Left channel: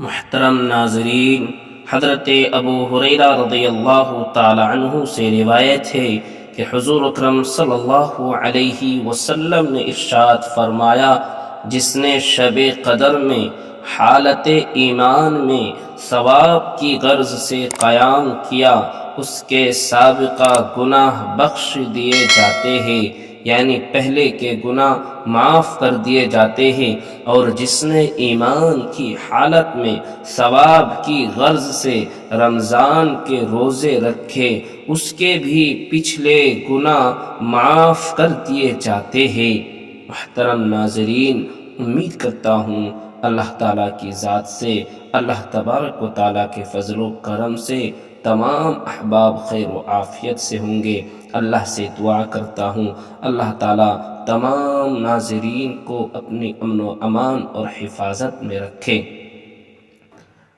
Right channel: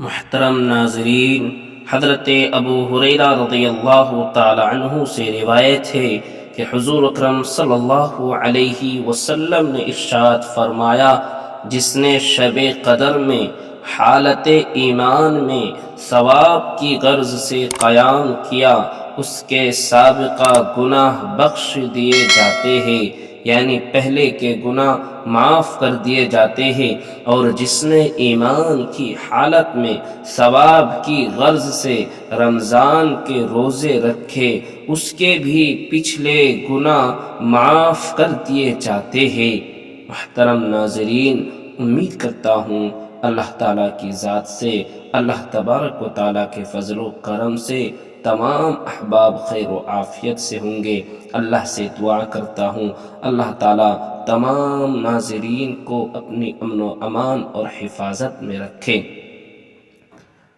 محترم ناظرین، حضرت ابو ہریرہ رضی اللہ تعالی عنہ سے روایت ہے کہ حضور اکرم صلی اللہ علیہ وسلم نے ارشاد فرمایا، جس نے شب قدر میں حالت ایمان میں ثواب کی غرض سے قیام کیا، اس کے سابقہ گناہ بخش دیے جاتے ہیں، یعنی پہلے کے گناہ معاف کر دیے جاتے ہیں، اور جس نے ایمان کی حالت میں ثواب کی غرض سے رمضان کے روزے رکھے، اس کے بھی پچھلے گناہ معاف کر دیے جاتے ہیں۔ محترم ناظرین، امید کرتا ہوں اللہ تعالیٰ کی ذات سے، اللہ تبارک و تعالیٰ کے فضل و کرم سے تمام احباب خیر و عافیت سے ہوں گے۔ اللہ سے دعا کرتا ہوں اللہ تعالیٰ تمام ناظرین کو اپنی امن و امان اور حفاظت میں رکھے۔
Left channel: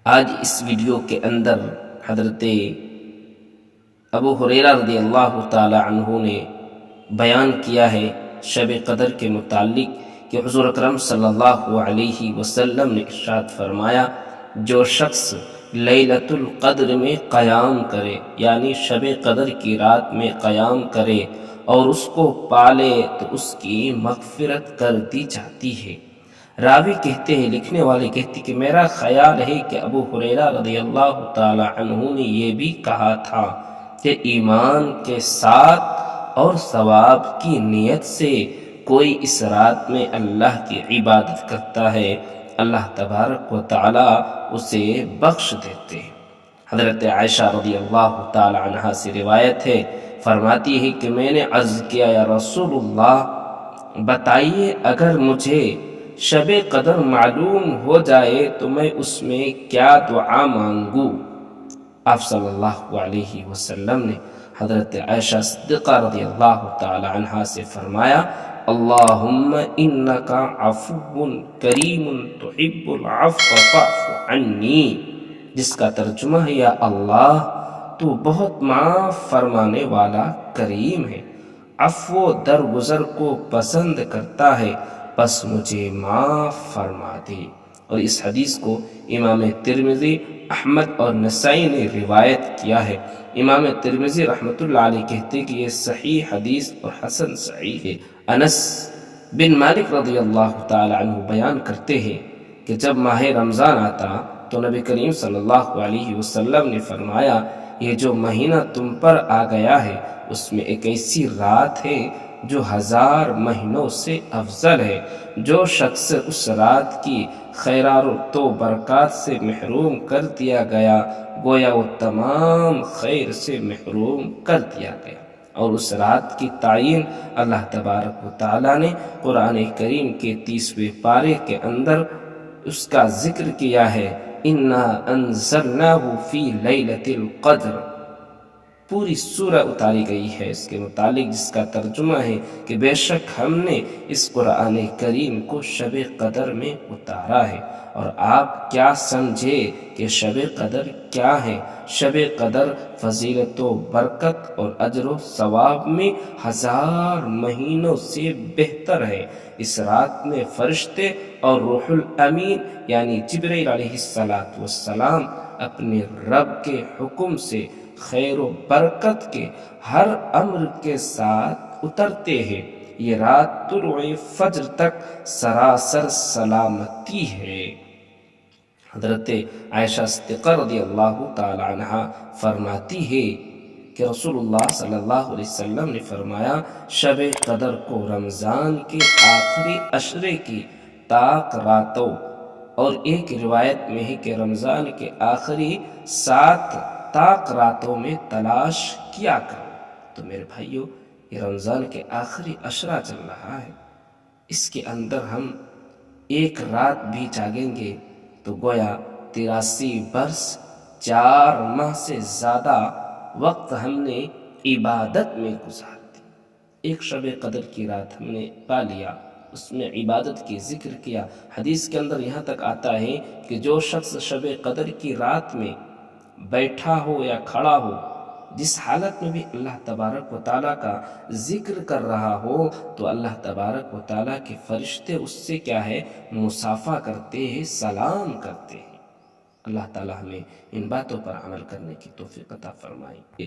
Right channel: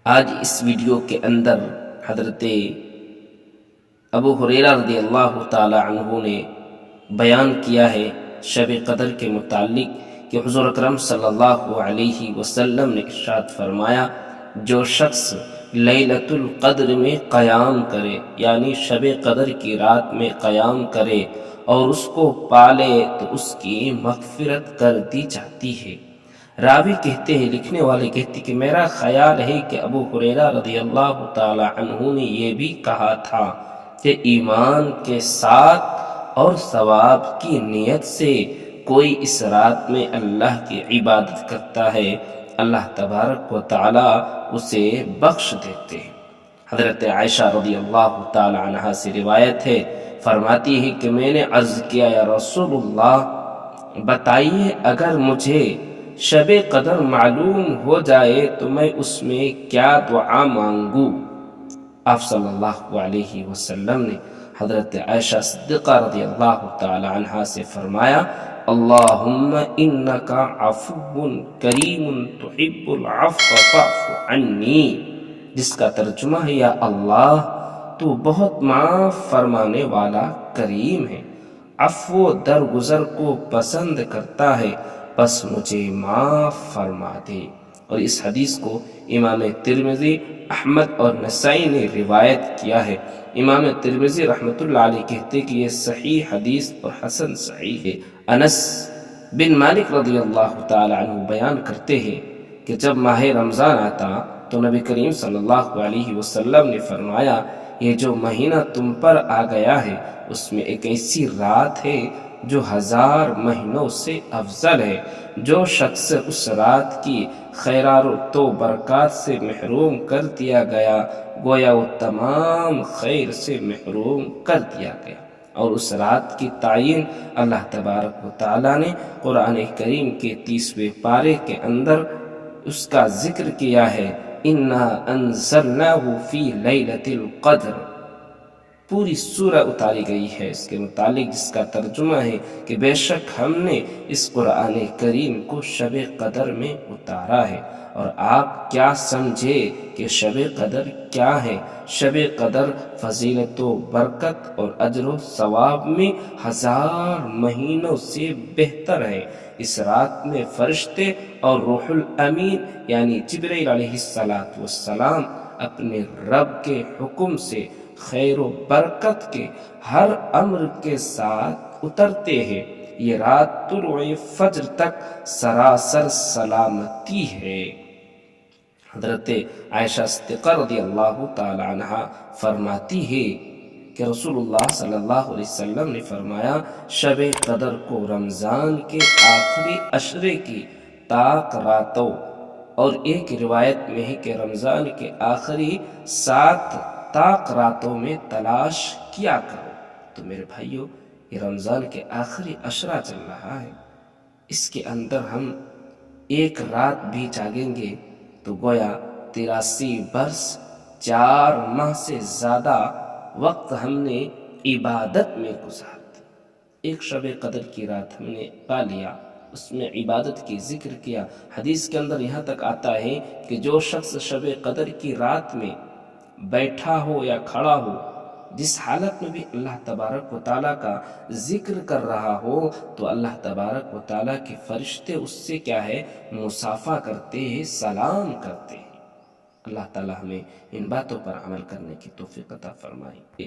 آج اس ویڈیو کے اندر حضرت ابو ہریرہ رضی اللہ تعالی عنہ نے بیان کیا ہے شب قدر کے متعلق کہ حضور اکرم صلی اللہ علیہ وسلم نے ارشاد فرمایا، جو شخص لیلۃ القدر میں قیام کرے، یعنی شب قدر کی رات میں قیام کرے اور اس کو پالے تو اس کی مغفرت کر دی جاتی ہے۔ راوی کہتے ہیں، لکھنے والے کہتے کہ میرا خیال ہے کہ ابو ہریرہ رضی اللہ تعالی عنہ نے یہ بھی کہا تھا کہ ایمان کے ساتھ اور ثواب کی نیت سے کوئی اس رات میں اللہ کی عبادت کرتا ہے، اللہ تبارک و تعالی اسے بخش دیتے ہیں۔ حضرت عائشہ رضی اللہ تعالی عنہا سے روایت ہے، فرماتی ہے کہ میں نے عرض کیا، یا رسول اللہ بتائیے، اگر مجھے شب قدر معلوم ہو جائے تو میں اس میں کیا دعا مانگوں؟ آپ صلی اللہ علیہ وسلم نے حضرت عائشہ صدیقہ رضی اللہ تعالی عنہا سے فرمایا، اللہم انکا عفو کریم تحب العفو فاعف عنی، جس کا ترجمہ ہے، یا اللہ تو بہت معاف فرمانے والا کریم ہے، عفو درگزر کو پسند کرتا ہے، بس مجھے معاف فرما دے۔ اور اس حدیث کو امام ترمذی، احمد اور نسائی نے روایت کیا ہے۔ امام ترمذی رحمۃ اللہ علیہ کہتے کہ یہ صحیح حدیث اور حسن صحیح ہے۔ انس بن مالک رضی اللہ تعالی عنہ بیان کرتے ہیں کہ جب ماہ رمضان آتا تو نبی کریم صلی اللہ علیہ وسلم نے فرمایا، یہ جو مہینہ تم پر آ گیا ہے اس میں ایک ایسی رات ہے جو 1000 مہینوں سے افضل ہے۔ جو شخص اس رات کی خیرات و برکات سے محروم کر دیا گیا، گویا وہ تمام خیر سے محروم کر دیا گیا۔ اور اس رات کی تعین اللہ تبارک و تعالیٰ نے قرآن کریم کے 30ویں پارے کے اندر اس کا ذکر کیا ہے، اِنَّا أَنزَلْنَاهُ فِي لَيْلَةِ الْقَدْرِ، پوری سورہ اتاری گئی ہے اس کے متعلق، جس کا ترجمہ ہے کہ بے شک ہم نے اس قرآن کریم کو شب قدر میں اتارا ہے۔ اور آپ کیا سمجھے کہ شب قدر کیا ہے؟ شب قدر فضیلت و برکت اور اجر و ثواب میں 1000 مہینوں سے بہتر ہے۔ اس رات میں فرشتے اور روح الامین یعنی جبرائیل علیہ السلام اپنے رب کے حکم سے خیر و برکت کے ہر امر کے ساتھ اترتے ہیں۔ یہ رات طلوع فجر تک سراسر سلامتی ہے۔ حضرت عائشہ صدیقہ رضی اللہ تعالی عنہا فرماتی ہے کہ رسول اللہ صلی اللہ علیہ وسلم نے فرمایا، شب قدر کو رمضان کے آخری عشرے کی طاق راتوں، اور ایک روایت میں ہے کہ رمضان کے آخری 7 طاق راتوں میں تلاش کیا کرو۔ تو میرے بھائیو، یہ رمضان کے آخری عشرہ چل رہا ہے، اس کے اندر ہم ایک رات بھی جاگیں گے تو گویا 83 برس 4 ماہ سے زیادہ وقت ہم نے عبادت میں گزار دی۔ ایک شب قدر کی رات ہم نے پا لیا، اس میں عبادت کی ذکر کیا۔ حدیث کے اندر یہاں تک آتا ہے کہ جو شخص شب قدر کی رات میں بیٹھا ہو یا کھڑا ہو، جس حالت میں بھی اللہ تبارک و تعالیٰ کا ذکر کر رہا ہو، تو اللہ تبارک و تعالیٰ کے فرشتے اس سے کیا ہے، مصافحہ کرتے ہیں، سلام کرتے ہیں۔ اللہ تعالی ہمیں ان باتوں پر عمل کرنے کی توفیق عطا فرمائے۔